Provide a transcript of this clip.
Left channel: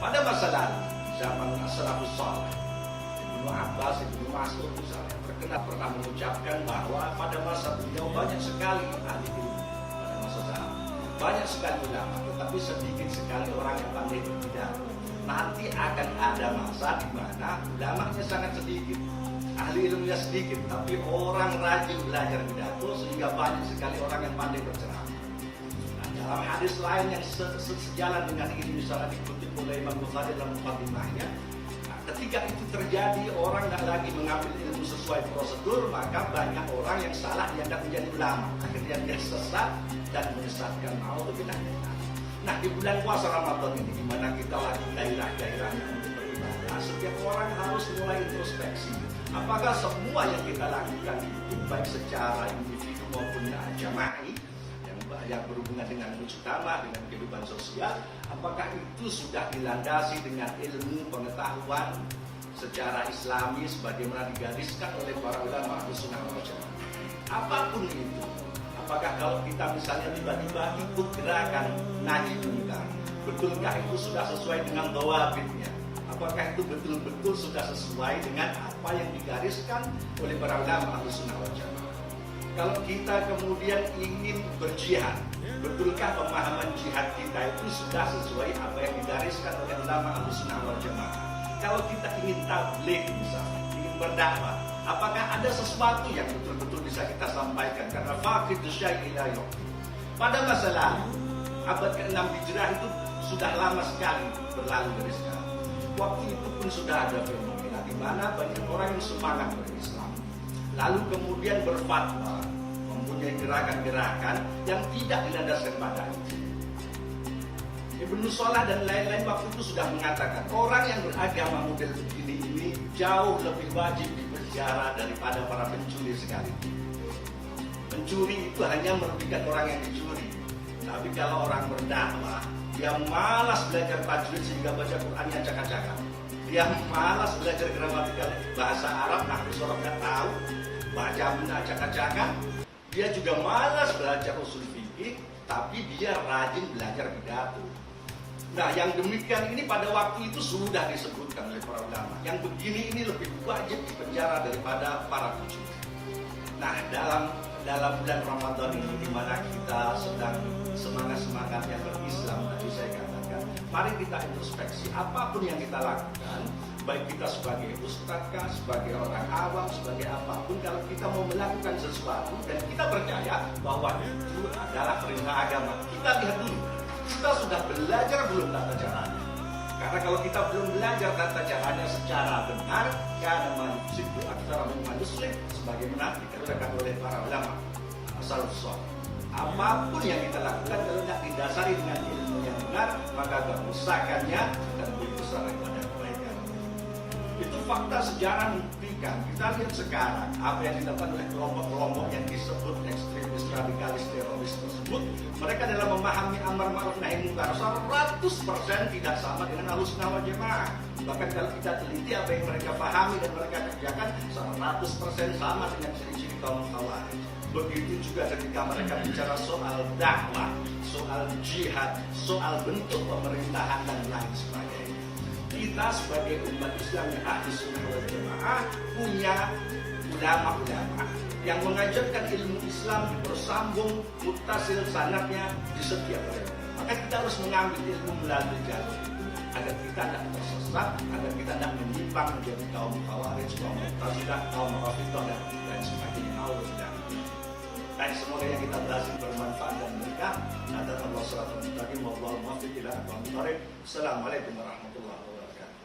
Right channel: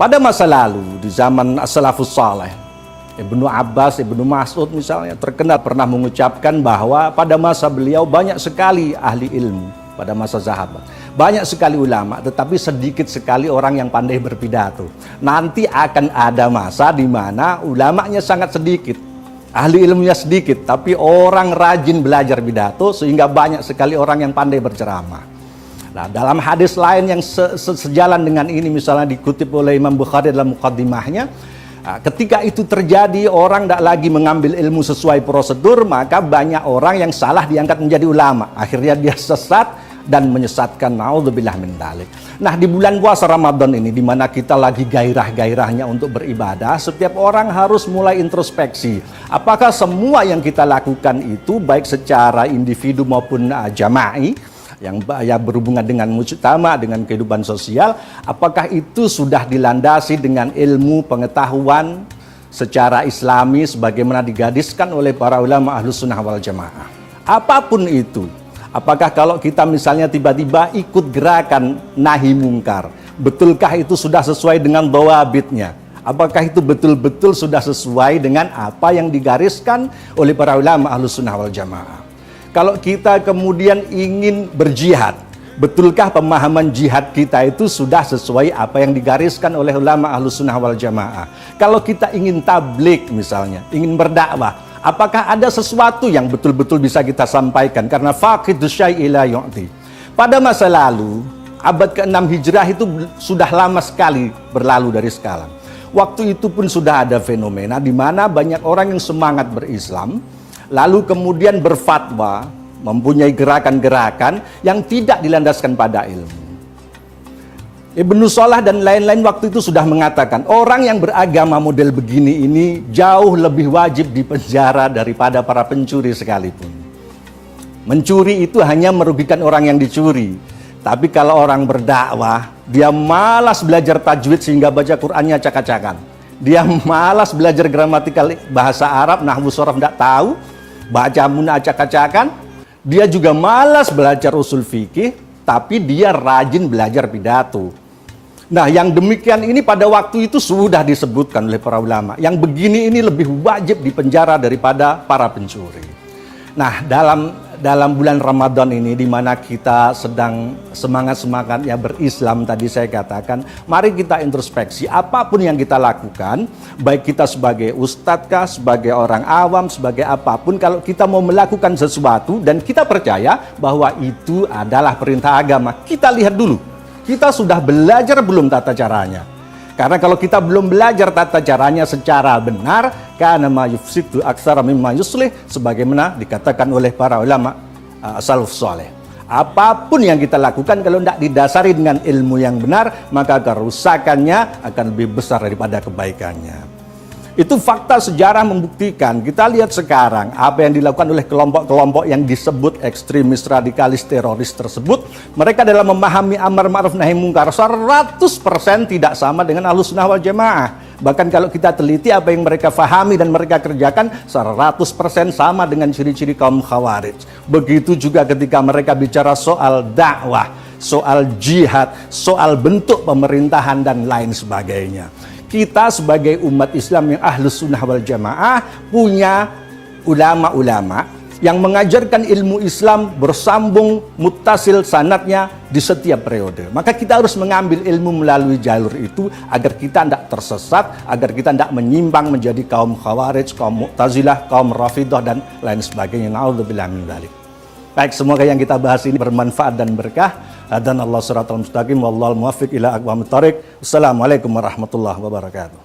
pada masa lalu di zaman as-salafus saleh, Ibnu Abbas, Ibnu Mas'ud misalnya terkenal pernah mengucapkan bahwa pada masa beliau banyak sekali ahli ilmu pada masa sahabat. Banyak sekali ulama, tetapi sedikit sekali orang yang pandai berpidato. Nanti akan ada masa di mana ulamanya sangat sedikit, ahli ilmunya sedikit, tapi orang rajin belajar pidato sehingga banyak sekali orang yang pandai berceramah. Nah, dalam hadis lain yang sejalan dengan ini misalnya dikutip oleh Imam Bukhari dalam muqaddimahnya, ketika itu terjadi orang tidak lagi mengambil ilmu sesuai prosedur, maka banyak orang yang salah diangkat menjadi ulama. Akhirnya dia sesat dan menyesatkan, naudzubillah min dzalik. Nah, di bulan puasa Ramadan ini di mana kita lagi gairah-gairahnya untuk beribadah, setiap orang harus mulai introspeksi. Apakah semua yang kita lakukan itu baik secara individu maupun jama'i yang berhubungan dengan mujtama, dengan kehidupan sosial, apakah itu sudah dilandasi dengan ilmu pengetahuan secara islami sebagaimana digadiskan oleh para ulama Ahlus Sunnah wal Jamaah. Apapun itu, apakah kalau kita misalnya tiba-tiba ikut gerakan nahi mungkar, betulkah itu sudah sesuai dengan dhawabitnya? Apakah itu betul-betul sudah sesuai dengan apa yang digariskan oleh para ulama Ahlus Sunnah wal Jamaah? Kalau kita kemudian ingin berjihad, betulkah pemahaman jihad kita itu sudah sesuai apa yang digariskan oleh ulama Ahlus Sunnah wal Jamaah? Kalau kita ingin tablik misalnya, ingin berdakwah, apakah ada sesuatu yang betul-betul bisa kita sampaikan? Karena faqidus syai'i la yu'ti. Pada masa lalu, abad ke-6 Hijrah itu sudah lama sekali berlalu dari sekarang. Waktu itu pun sudah ada fenomena di mana banyak orang yang semangat berislam, lalu kemudian berfatwa, mempunyai gerakan-gerakan yang tidak dilandaskan pada ilmu. Ibnu Salah dan lain-lain waktu itu sudah mengatakan, orang yang beragama model begini ini jauh lebih wajib dipenjara daripada para pencuri sekalipun. Mencuri itu hanya merugikan orang yang dicuri. Tapi kalau orang berdakwah, dia malas belajar tajwid sehingga baca Qur'annya acak-acakan. Dia malas belajar gramatikal bahasa Arab, nahwu shorof tidak tahu, baca munah acak-acakan. Dia juga malas belajar usul fikih, tapi dia rajin belajar pidato. Nah, yang demikian ini pada waktu itu sudah disebutkan oleh para ulama. Yang begini ini lebih wajib dipenjara daripada para pencuri. Nah, dalam bulan Ramadan ini di mana kita sedang semangat-semangatnya berislam tadi saya katakan, mari kita introspeksi apapun yang kita lakukan, baik kita sebagai ustadz kah, sebagai orang awam, sebagai apapun, kalau kita mau melakukan sesuatu dan kita percaya bahwa itu adalah perintah agama, kita lihat dulu, kita sudah belajar belum tata caranya. Karena kalau kita belum belajar tata caranya secara benar, kana ma yufsidu aktsara mimma yuslih, sebagaimana dikatakan oleh para ulama salaf saleh. Apapun yang kita lakukan kalau tidak didasari dengan ilmu yang benar, maka kerusakannya akan lebih besar daripada kebaikannya. Itu fakta sejarah membuktikan. Kita lihat sekarang apa yang dilakukan oleh kelompok-kelompok yang disebut ekstremis, radikalis, teroris tersebut. Mereka dalam memahami amar ma'ruf nahi mungkar 100% tidak sama dengan Ahlus Sunnah wal Jamaah. Bahkan kalau kita teliti apa yang mereka fahami dan mereka kerjakan 100% sama dengan ciri-ciri kaum khawarij. Begitu juga ketika mereka bicara soal dakwah, soal jihad, soal bentuk pemerintahan dan lain sebagainya. Kita sebagai umat Islam yang Ahlus Sunnah wal Jamaah punya ulama-ulama yang mengajarkan ilmu Islam bersambung muttasil sanadnya di setiap periode. Maka kita harus mengambil ilmu melalui jalur itu agar kita tidak tersesat, agar kita tidak menyimpang menjadi kaum khawarij, kaum mu'tazilah, kaum rafidah dan lain sebagainya. Na'udzubillah min dzalik. Baik, semoga yang kita bahas ini bermanfaat dan berkah. Dan Allah siratal mustaqim, wallahul muwaffiq ila aqwamit thoriq. Assalamualaikum warahmatullahi wabarakatuh.